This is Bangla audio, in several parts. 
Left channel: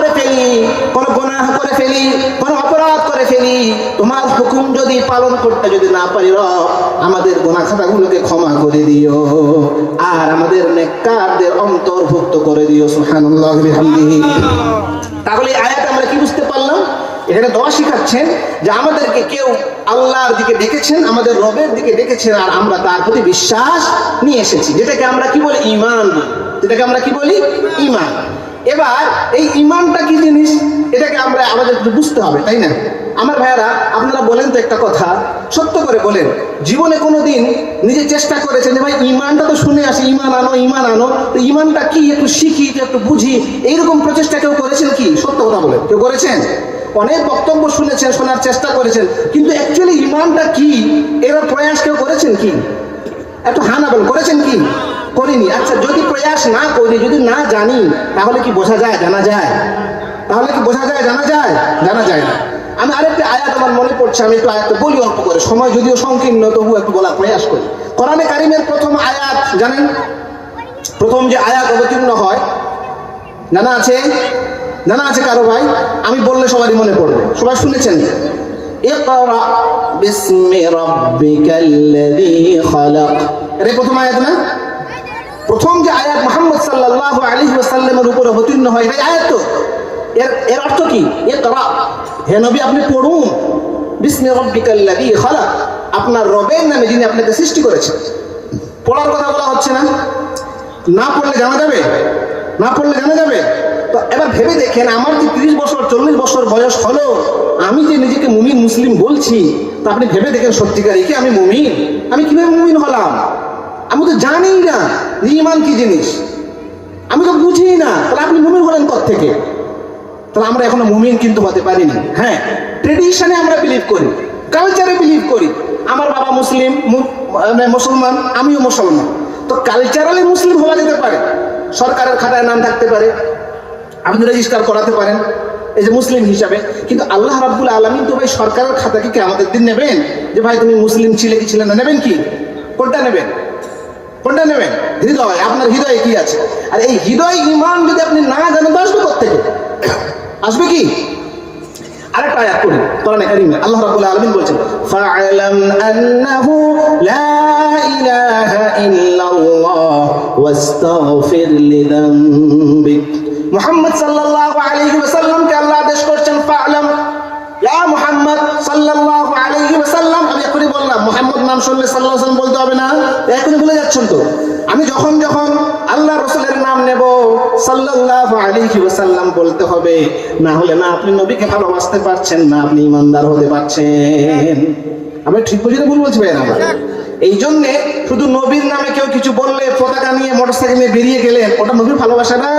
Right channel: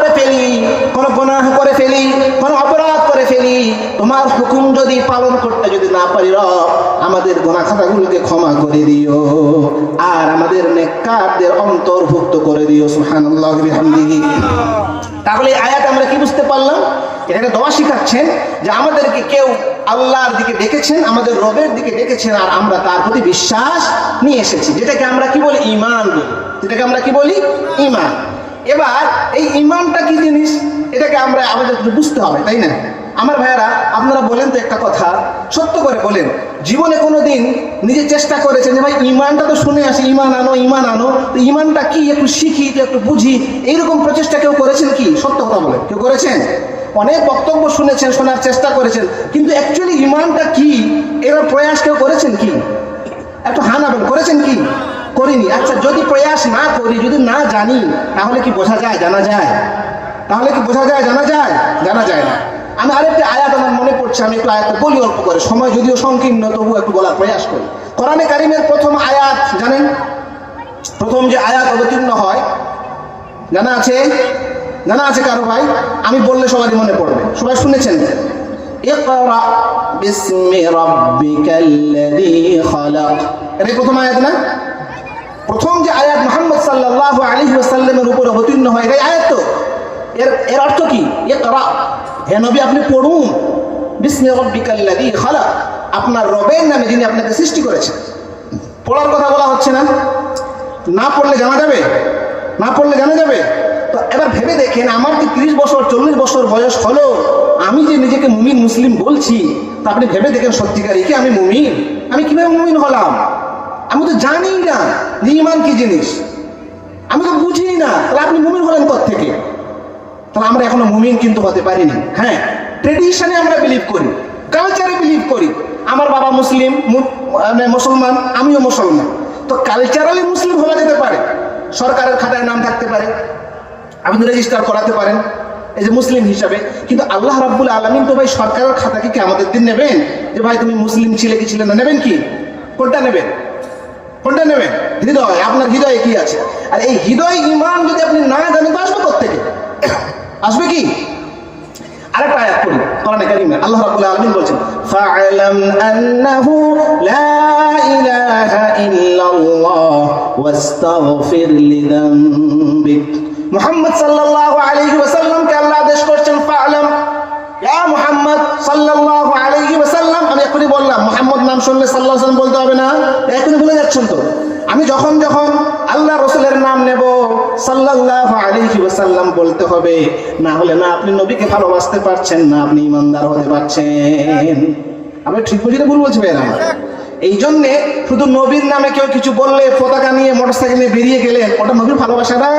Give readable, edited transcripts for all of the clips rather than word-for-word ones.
করে ফেলি, কোনো গুনাহ করে ফেলি, কোনো অপরাধ করে ফেলি, তোমার হুকুম যদি পালন করতে যদি না পারি রব, আমাদের গুনাহ খাতাগুলোকে ক্ষমা করে দিও আর আমাদের নেককারদের অন্তর্ভুক্ত করে দিও। সুবহানাল্লাহি ওয়া বিহামদিহি। তাহলে এই আয়াতে আমরা কি বুঝতে পারলাম? এখানে দোয়া শিখাচ্ছেন যে আমাদেরকে কেউ আল্লাহর দিকে ডেকেছেন, আমাদের রবের দিকে ডেকেছেন, আর আমরা তার প্রতি বিশ্বাস নিয়ে এসেছি, যেটাকে আমরা কি বলি? ঈমান বলি। যেটাকে আমরা কি বলি? ঈমান। এবার এই ঈমানটা কি জিনিস, এটাকে আমরা আমাদের বুঝতে হবে, তাই না? আমার ভাইয়েরা, আপনারা বলেন তো একটা কথা, সত্য করে বলেন, জীবনে কোনোদিন নিজে চেষ্টা করেছেন যে ভাই ঈমানটা তো শুনে আসি, ঈমান আনো, ঈমান আনো, তো ঈমানটা কি একটু শিখি, একটু বুঝি, এইরকম প্রচেষ্টা কেউ করেছেন কি? সত্য কথা বলেন, কেউ করেছেন? অনেক বক্তব্য শুনেছেন, শোনার চেষ্টা করেছেন, কিন্তু অ্যাকচুয়ালি ঈমানটা কি এর প্রয়াস কেউ করেছেন কি? একটু হা না বলেন, করেছেন কি? করিনি। আচ্ছা, যদি প্রয়াস না করি, যদি না জানি, তাহলে কি বোঝা যায়? জানা যায়? তাহলে কি বোঝা যায়? জানা যায়? জানা যায় না। আমি আরেকটা আয়াত আমার মনে পড়ছে, আমি একটু আয়াতটা বলি অল্প করে, সময় যদিও সংকীর্ণ তবু একটু বলার প্রয়াস করি। কোরআনে কারিমের প্রথম আয়াত জানেন? প্রথম যে আয়াত অবতীর্ণ হয়, জানা আছে? জানা আছে কারো ভাই? আমি বললে সবারই মনে পড়বে, সবাই শুনেছেন। ইকরা বিসমি রাব্বিকাল্লাযী খালাক, এটা প্রথম আয়াত না? প্রথম যে আয়াত মুহাম্মদ সাল্লাল্লাহু আলাইহি ওয়াসাল্লামের উপরে অবতীর্ণ হয়, এই আয়াত তো এর অর্থ কি? ইকরা, হে নবী আপনি পড়ুন, বিসমি রাব্বিকাল্লাযী খালাক, আপনার রবের নামে যিনি আপনাকে সৃষ্টি করেছেন। পড়ার কথা বলা হচ্ছে না? না পড়লে জানা যাবে? না পড়লে জানা যাবে? তো এবার ভেবে দেখেন, আমার কি 30 বছর 40 বছর বয়স হলো, আমি যে নিজেকে মুমিন মুসলিম বলছি, তা আপনি ভেবে দেখেন সত্যিকারই কি আমি মুমিন? আমি কিভাবে মুমিন হলাম? আমি তো জানি না যে ঈমান কি জিনিস, আমি তো বুঝি না, তাহলে আপনি মুমিন হলেন কোত্থেকে? তাহলে আমরা এখনো মুমিন কিন্তু হতে পারিনি। হ্যাঁ, ট্রেডিশনে আমরা বিলিভ করি, কালচারে বিলিভ করি, আমার বাবা মুসলিম, মুসলমান, আমিও মুসলমান, তো কালচারালি মুসলিম হওয়া যেতে পারে, সরকারের খাতায় নাম থাকতে পারে, আপনি রেজিস্টার করাতে পারেন এই যে মুসলিম হিসাবে, কিন্তু আল্লাহ রাব্বুল আলামিন তো ভাই সরকারের খাতাকে কি আমাদের দিন নেবেন যে ভাই তুমি মুসলিম ছিলে কি ছিলে না? নেবেন কি? কোনটা নেবেন? কোনটা নেবেন? হৃদয়, আপনার হৃদয়ে কি আছে? আর এই হৃদয় ঈমান যদি আপনি না জানেন তো আসবে কোত্থেকে? আসবে কি? আরেকটা আয়াত পড়ি কোরআনে কারিমে, আল্লাহ রাব্বুল আলামিন বলেছেন, ফা'লাম আন্নাহু লা ইলাহা ইল্লাল্লাহ ওয়াস্তাগফির লিযামবিক। মুহাম্মদ সাল্লাল্লাহু আলাইহি ওয়াসাল্লামকে আল্লাহ আদেশ করছেন, ফা'লাম, ইয়া মুহাম্মদ সাল্লাল্লাহু আলাইহি ওয়াসাল্লাম। আমি এখনই বললাম, মুহাম্মদ নাম শুনলে সাল্লাল্লাহু আলাইহি ওয়াসাল্লাম বলতে হবে না, এখনই ভুলে যাচ্ছেন তো। আমি যখন যখন আল্লাহ রাসূলের নাম নেব, সাল্লাল্লাহু আলাইহি ওয়াসাল্লাম বলতে হবে, না হলে না আপনি নবীকে ভালোবাসতে পারছেন, না আপনি ঈমানদার হতে পারছেন। আমি ঠিক বুঝি না ভুল বলছি ভাইরা? এই জন্যে শুধু নবীর নামে কেউ কিছু বললে, পতাকা নিয়ে মোটরসাইকেল নিয়ে বেরিয়ে গেলেন, ওটা নবীর ভালোবাসা না,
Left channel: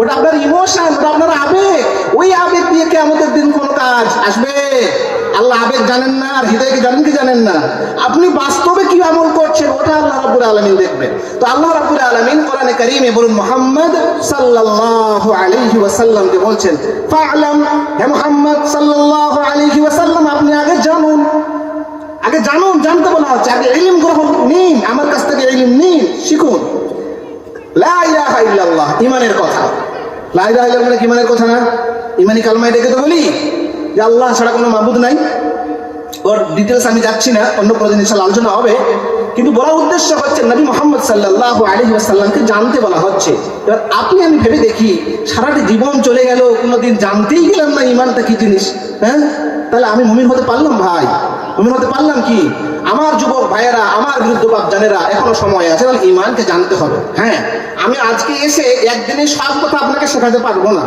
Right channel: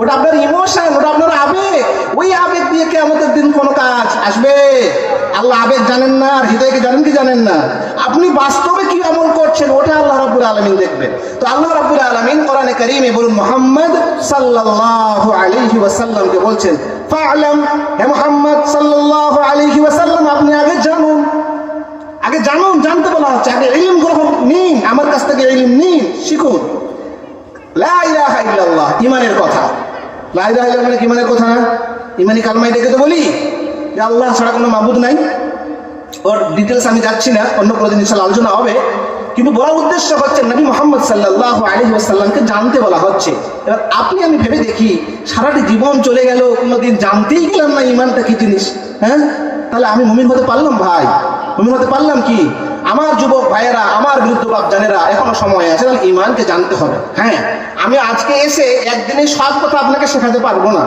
ওটা আপনার ইমোশন, ওটা আপনার আবেগ। ওই আবেগ দিয়ে কিয়ামতের দিন কোনো কাজ আসবে? আল্লাহ আবেগ জানেন না, আর হৃদয়কে জানেন কি জানেন না? আপনি বাস্তবে কি আমল করছেন ওটা আল্লাহ রাব্বুল আলামিন দেখবেন। তো আল্লাহ রাব্বুল আলামিন কোরআনে কারীমে বলুন, মুহাম্মদ সাল্লাল্লাহু আলাইহি ওয়াসাল্লামকে বলছেন, ফা'লাম, হে মুহাম্মদ সাল্লাল্লাহু আলাইহি ওয়াসাল্লাম আপনি আগে জানুন, আগে জানুন, জানতে বলা হচ্ছে, আগে ইলম গ্রহণ নিন, আমার কাছ থেকে ইলম নিন, শিখুন। লা ইলাহা ইল্লাল্লাহ, ঈমানের কথা। লা ইলাহা ইল্লাল্লাহ ঈমানের কথা না? ঈমানি কালমা এটাকে তো বলি যে আল্লাহ ছাড়া কোনো মাবুদ নাই। ওর ডিটেলস আমি যাচ্ছি না, অন্য কোনো দিন ইনশাআল্লাহ আলোচনা হবে, কিন্তু বলার উদ্দেশ্য হচ্ছে নবী মুহাম্মদ সাল্লাল্লাহু আলাইহি ওয়াসাল্লামকে জানতে বলা হচ্ছে। এবার আপনি আমি ভেবে দেখি, সারাটি জীবন চলে গেল, কোনোদিন জানতেই গেলাম না ঈমানটা কি জিনিস। হ্যাঁ, তাহলে আমি মুমিন হতে পারলাম ভাই? মুমিন হতে পারলাম কি? আমার যুবক ভাইয়েরা, আমার বিরুদ্ধবাদ জানেরা, এখনো সময় আছে, তাহলে ঈমানকে জানতে হবে। হ্যাঁ, আমি আজকে এসে একদিনে সব কথা আপনাকে শেখাতে পারবো না,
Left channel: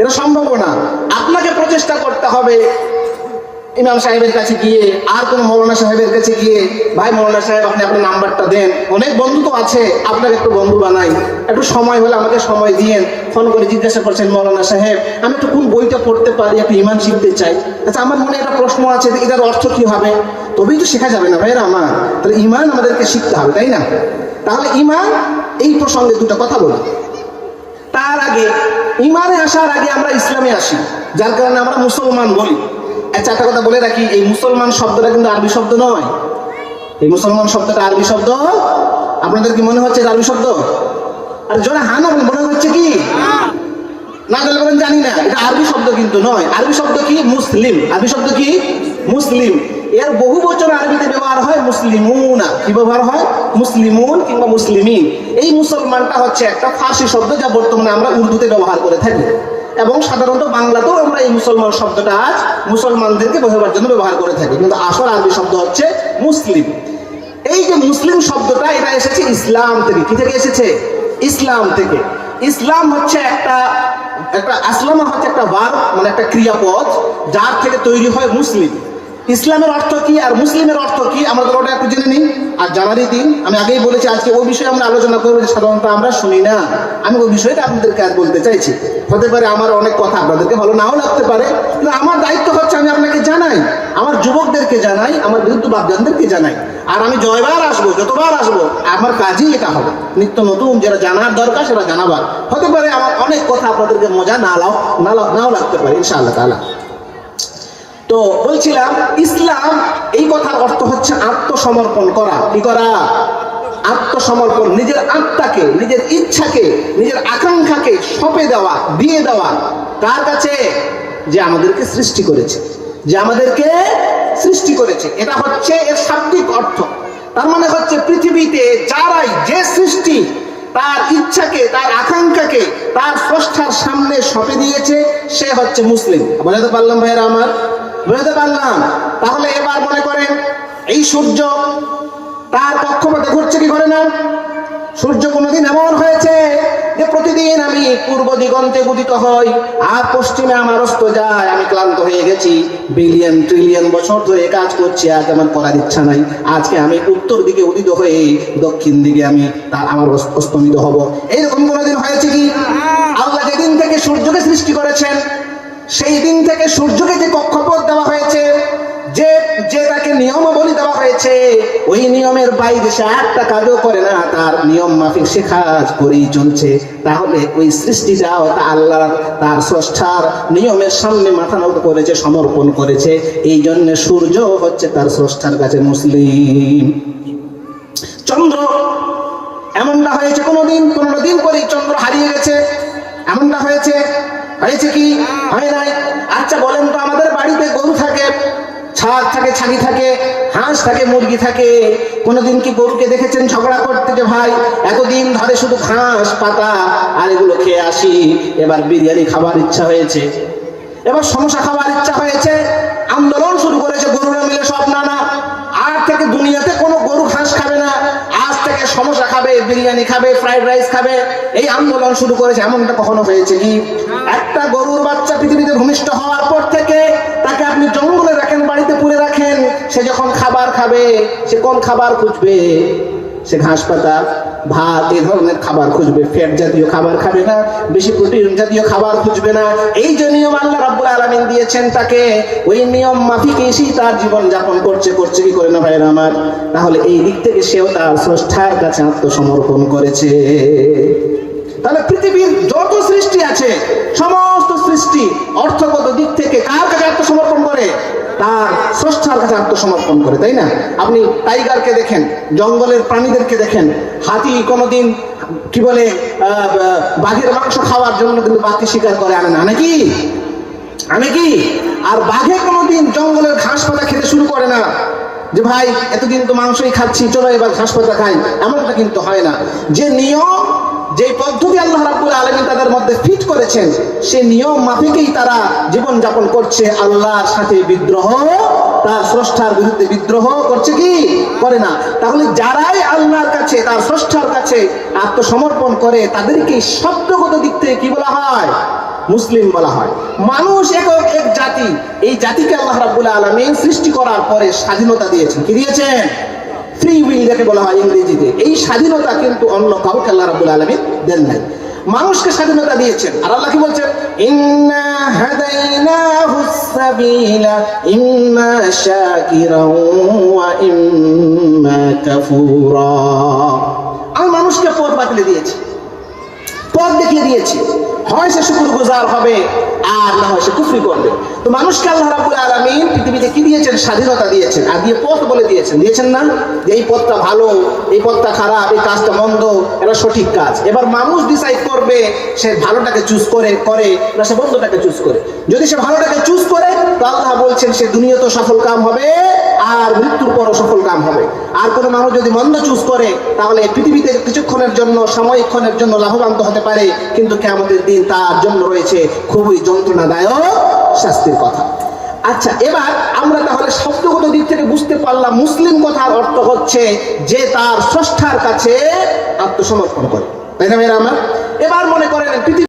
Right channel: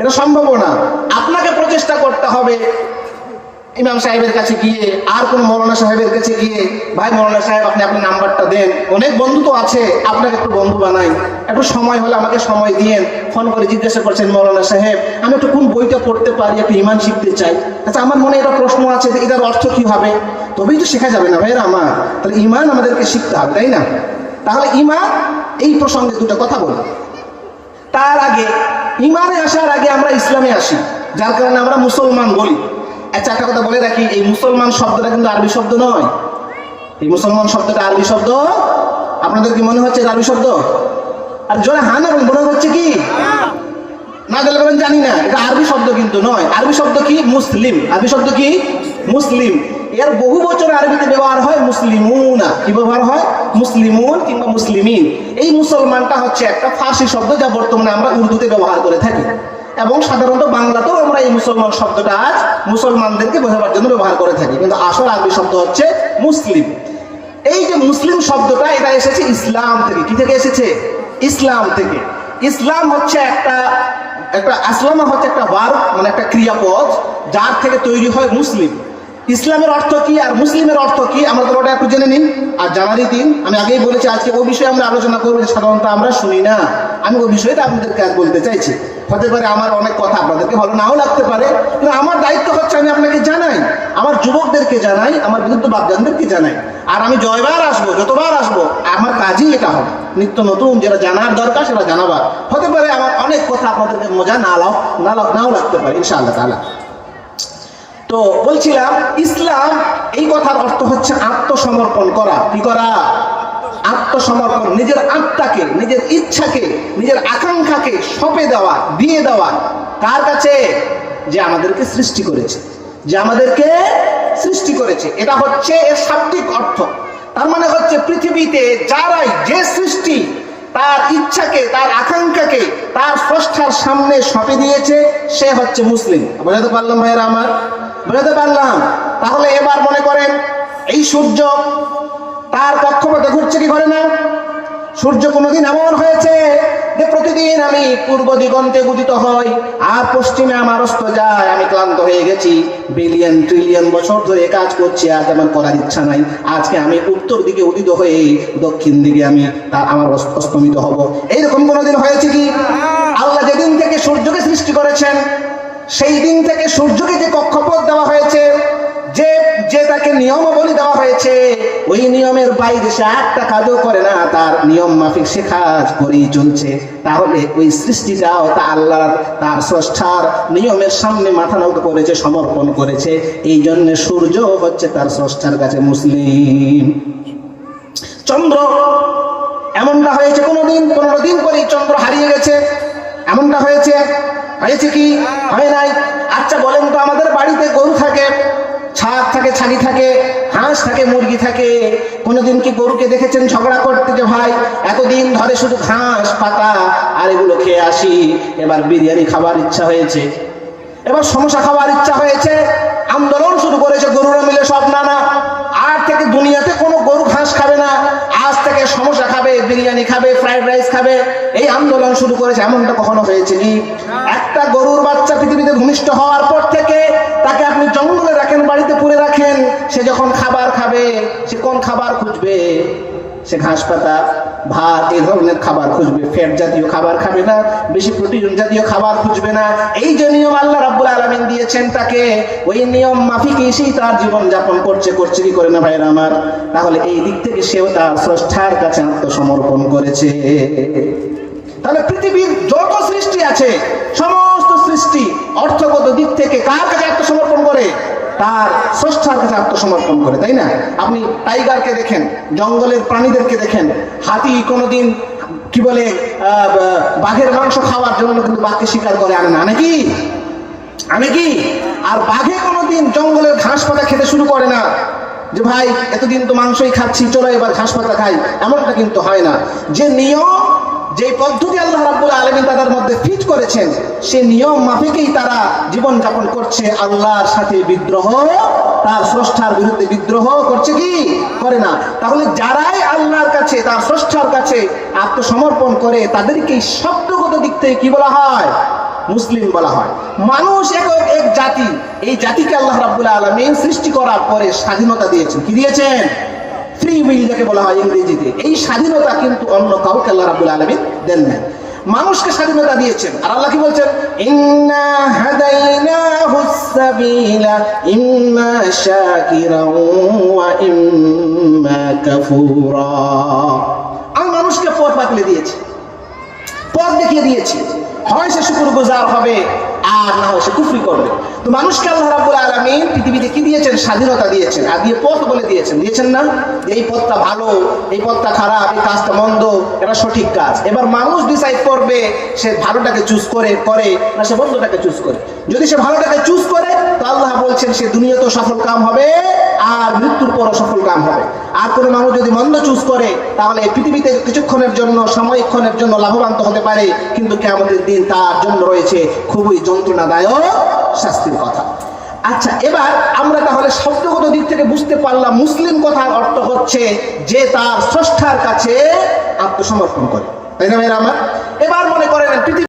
এটা সম্ভব না। আপনাকে প্রচেষ্টা করতে হবে ইমাম সাহেবের কাছে গিয়ে, আর কোন মৌলানা সাহেবের কাছে গিয়ে, ভাই মৌলানা সাহেব আপনি আপনার নাম্বারটা দেন, অনেক বন্ধু তো আছে, আপনাকে একটু বন্ধু বানাই, একটু সময় হলে আমাকে সময় দিয়েন, ফোন করে জিজ্ঞাসা করছেন মৌলানা সাহেব আমি একটু কোন বইটা পড়তে পারি, একটু ঈমান শিখতে চাই, আচ্ছা আমার মনে একটা প্রশ্ন আছে, এটার অর্থ কি হবে? তবেই তো শেখা যাবে না ভাইরা আমার। তাহলে ঈমান আমাদেরকে শিখতে হবে, তাই না? তাহলে ঈমান, এই প্রসঙ্গে দুটো কথা বলি। তার আগে, ঈমানে আসার আগে আমরা ইসলামে আসি, যার কারণে আমরা মুসলমান বলি। আচ্ছা, একটা কথা বলে রাখি, এই মুসলমান শব্দটা কিন্তু আরবি শব্দ নয়। এই মুসলমান শব্দটা আরবি শব্দ, আপনাদের কি মনে হচ্ছে আরবি শব্দ? আর জোরে হা না মনে হচ্ছে কি? না জানলে বলেন জানি না। এটা আরবি শব্দ কিন্তু নয়। আরবি শব্দ কি? মুসলিম। আরবি শব্দ কি? মুসলিম। এর বহু বচন আরবিতে ব্যবহার হয় মুসলিমুনা। কি ব্যবহার হয়? মুসলিমুন কিংবা মুসলিমিন। এই মুসলমানটা হচ্ছে একটা ফার্সি শব্দ, যা বর্তমানে আমরা উর্দুতে ব্যবহার করে থাকি, এবং সাধারণত বাংলাতেও আমরা এই মুসলমান শব্দটা আজ মুসলমানদেরকে বোঝাবার জন্য ব্যবহার করে থাকি, কিন্তু আসল আরবি শব্দ হচ্ছে মুসলিম। এই যে মুসলিম শব্দটা, এটা এসেছে ইসলাম থেকে। কি থেকে এসেছে? ইসলাম থেকে। ইসলাম হচ্ছে একটা আসলামা হচ্ছে একটা ভার্ব, মানে একটা ক্রিয়াপদ, যার থেকে তৈরি হয় মুসলিম। ইসলামের অর্থ কি আর মুসলিমের অর্থ কি আমরা তো ওটা একটু জেনে নিই। আর জানারই দিন, আমি আগেই বলেছি আজকে ওই বিষয়ে আমরা আলোচনা করবো, যে সাধারণত আমরা শুনি না। আমি ওই বিষয়টা আপনাদেরকে আজ বলতে চাইছি। হতে পারে আমার অনেক কথা আপনাদেরকে ভালো নাও লাগতে পারে, কিন্তু আমার দায়িত্ব হচ্ছে আমি আপনাকে জানাই, আমার যুবকদেরকে জানাই, আমার বিরুদ্ধ বাপজানদেরকে জানাই। আর আমি জয়বার আসবো, যতবার আসবো, আমার কাজই এটা হবে, নিত্য নতুন যেটা জানার দরকার সেটা জানাবার। হতে পারে আমার অনেক কথা আপনাদেরকে মজা নাও লাগতে পারে, ইনশাআল্লাহ তাআলা। তো বলছিলাম, ইসলাম এই কথার অর্থ হচ্ছে আত্মসমর্পণ করা। কি করা? আত্মসমর্পণ। নিজের আত্মাকে, নিজের ইচ্ছাকে, নিজের আকাঙ্ক্ষাকে সঁপে দেওয়া, দিয়ে দেওয়া। কার কাছে? যে আমাদেরকে সৃষ্টি করেছে, যে আমাদেরকে সৃষ্টি করেছে। এটা হচ্ছে এর শাব্দিক অর্থ। তার মানে হচ্ছে পৃথিবীতে যারাই, যে সৃষ্টি তার ইচ্ছাকে, তার আকাঙ্ক্ষাকে তার স্রষ্টার সামনে সঁপে দিয়েছে, সে হচ্ছে মুসলিম। বুঝাতে পারলাম ভাইয়েরা আমার? বুঝাতে পারলাম? তাহলে এবার মনে করেন, এই সূর্য তার কক্ষপথে ঘুরছে কি ঘরে না? সূর্য কোনোদিন এমন হয়েছে যে প্রতিদিন আমি পূর্ব দিগন্তে উদিত হই আর পশ্চিমে আমার অস্ত যায়? আমি ক্লান্ত হয়ে গেছি, বিলিয়ন ট্রিলিয়ন বছর ধরে কাজ করছি, আজ আমার করার ইচ্ছা নাই। আজকে আমি উত্তর দিকে উদিত হয়ে দক্ষিণ দিকে আমার অস্তমিত হব। এইরকম কোনোদিন হয়েছে কি? আল্লাহ যেদিন থেকে সূর্যকে সৃষ্টি করেছেন, সেই দিন থেকে সূর্যকে যে কক্ষপথ দেওয়া হয়েছে, যে তাকে নিয়মাবলী দেওয়া হয়েছে, ওই নিয়মের বাইরে সে একটা কাজও করে না, তার নিয়ম মাফিক সে কাজ করেই চলছে। তাহলে ওই সৃষ্টিটাও তা আল্লাহ, তার স্রষ্টার নিয়মের সামনে মাথা নত করেছে, সমর্পণ করেছে। এই জন্য সূর্য হচ্ছে তার স্রষ্টার কাছে মুসলিম। চন্দ্র এমনটা হয়েছে, 15 দিন পরেই চন্দ্র হারিয়ে গেছে। এমনটা হয়েছে কি? হয় নাই। আচ্ছা বলেন তো, আমাদের বাড়িতে গরু থাকে, ছাগ থাকে, ছাগি থাকে, হাঁস থাকে, মুরগি থাকে। কোনোদিন কি গরুকে দেখেছেন ঝগড়া করতে, যে ভাই এতদিন ধরে শুধু ঘাস পাতা আর এগুলো খেয়ে আসি, এবার বিরিয়ানি খাবার ইচ্ছা হয়েছে, এবার সমোসা খাবার ইচ্ছা হয়েছে, আন্দোলন শুরু করেছে গরুরা মিলে সব, না আর থেকে দুনিয়াতে কোনো গরু ঘাস খাবে না, আজ থেকে সমোসা খাবে, বিরিয়ানি খাবে, ফ্রাইড রাইস খাবে, এই আন্দোলন শুরু করেছে। এমনটা কখনো হয়েছে কি? একটা গরুর বাচ্চা পৃথিবীতে ভূমিষ্ঠ হওয়ার পর থেকে তাকে আপনি জঙ্গলে রাখেন, বাড়িতে পুরে রাখেন, সে যখন খাবার খাবে, সে কোন খাবার খুঁজবে? সে ঘাস পাতা, ভাত, এই ধরনের খাবার খুঁজবে। ফ্যাট জাতীয় খাবার খাবে না, বেশি প্রোটিন জাতীয় খাবার খুঁজবে না। এই যে নিয়ম আল্লাহ রাব্বুল আলামিন দিয়েছেন তাকে, ওই নিয়ম মাফিকই সে তার জীবন যাপন করছে কি করে না ভাইরা আমার? তাহলে এই দিক থেকে সেও তার স্রষ্টার কাছে আত্মসমর্পণ করেছে। তাহলে পৃথিবীর যত সৃষ্টি আছে, সমস্ত সৃষ্টি অর্থগত দিক থেকে কার কাছে আত্মসমর্পণ করে? তার স্রষ্টার কাছে আত্মসমর্পণ করে, তাই না? আপনি টাইগারকে দেখেন, জঙ্গলের প্রাণীদেরকে দেখেন। হাতি কোনোদিন কি বলে বাঘের মাংস খাওয়ার জন্য কিন্তু বাঘকে শিকার করে আনে না, নাকি? আনে কি? আর বাঘে কোনোদিন জঙ্গলের ঘাস পাতা খেতে শুরু করে না, যে ভাই এতদিন তো মাংসই খাচ্ছি, চলো এবার ঘাস পাতা খাই। এমনটা কিন্তু হয় না। যে নিয়ম, যে পদ্ধতি আল্লাহ রাব্বুল আলামিন তাদের মধ্যে ফিট করেছেন, সেই নিয়ম মাফিকই তারা জীবন যাপন করছে। আল্লাহর সাথে বিদ্রোহ, তার স্রষ্টার বিরুদ্ধে বিদ্রোহ করছে কি? করে না। তাহলে যারাই আল্লাহর কাছে, তার স্রষ্টার কাছে আত্মসমর্পণ করে, তাদেরকে শব্দগত দিক থেকে কি বলা হয়? মুসলিম বলা হয়। মানুষ এক জাতি, এই জাতিকে আল্লাহ রাব্বুল আলামিন সৃষ্টি করার পরে স্বাধীনতা দিয়েছেন। কি দিয়েছেন? ফ্রি উইল যাকে বলা হয় ইংরেজিতে। এই স্বাধীনতা কিন্তু অন্য কাউকে আল্লাহ রাব্বুল আলামিন দেন নাই, মানুষকে স্বাধীনতা দিয়েছেন। আর আল্লাহ কি বলছেন? ইন্না হাদাইনাহুস সাবিলা ইম্মা শাকিরাও ওয়া ইম্মা কাফুরা। আমি মানুষকে পথ বাতলে দিয়েছি, পথ দেখিয়ে দিয়েছি। হয় সে শুকরগুজার হবে, আর না হয় সে কুফরি করবে। তো মানুষকে আল্লাহ রাব্বুল আলামিন পৃথিবীতে কি দিয়েছেন? স্বাধীনতা দিয়েছেন, আর দিয়ে পথ বলে দিয়েছেন না যে এই পথটা ভালো, এই পথটা খারাপ, এই কাজটা মন্দ, এটা সঠিক কাজ। এবার মানুষ ডিসাইড করবে সে ভালোটাকে চুজ করে না সে মন্দটাকে চুজ করে। যদি সে ভালোটাকে চুজ করে তো আল্লাহ বলছেন সে দুনিয়াতেও সফল কাম হবে আর মৃত্যুর পরও সফল কাম হবে। আর কোনো মানুষ যদি মন্দ চুজ করে তাহলে পৃথিবীতে কিছুক্ষণের জন্য, সময়ক্ষণের জন্য লাভবান তো হতে পারে, কিন্তু কিয়ামতের দিন তার জন্য রয়েছে খুবই যন্ত্রণাদায়ক শাস্তির কথা। আচ্ছা, এবার আমরা তাহলে শব্দগত দিক থেকে বুঝতে পারলাম মুসলিম কথার অর্থ হচ্ছে যে তার স্রষ্টার কাছে আত্মসমর্পণ করে, তাই না ভাইরা আমার? এবার মনে করেন পৃথিবী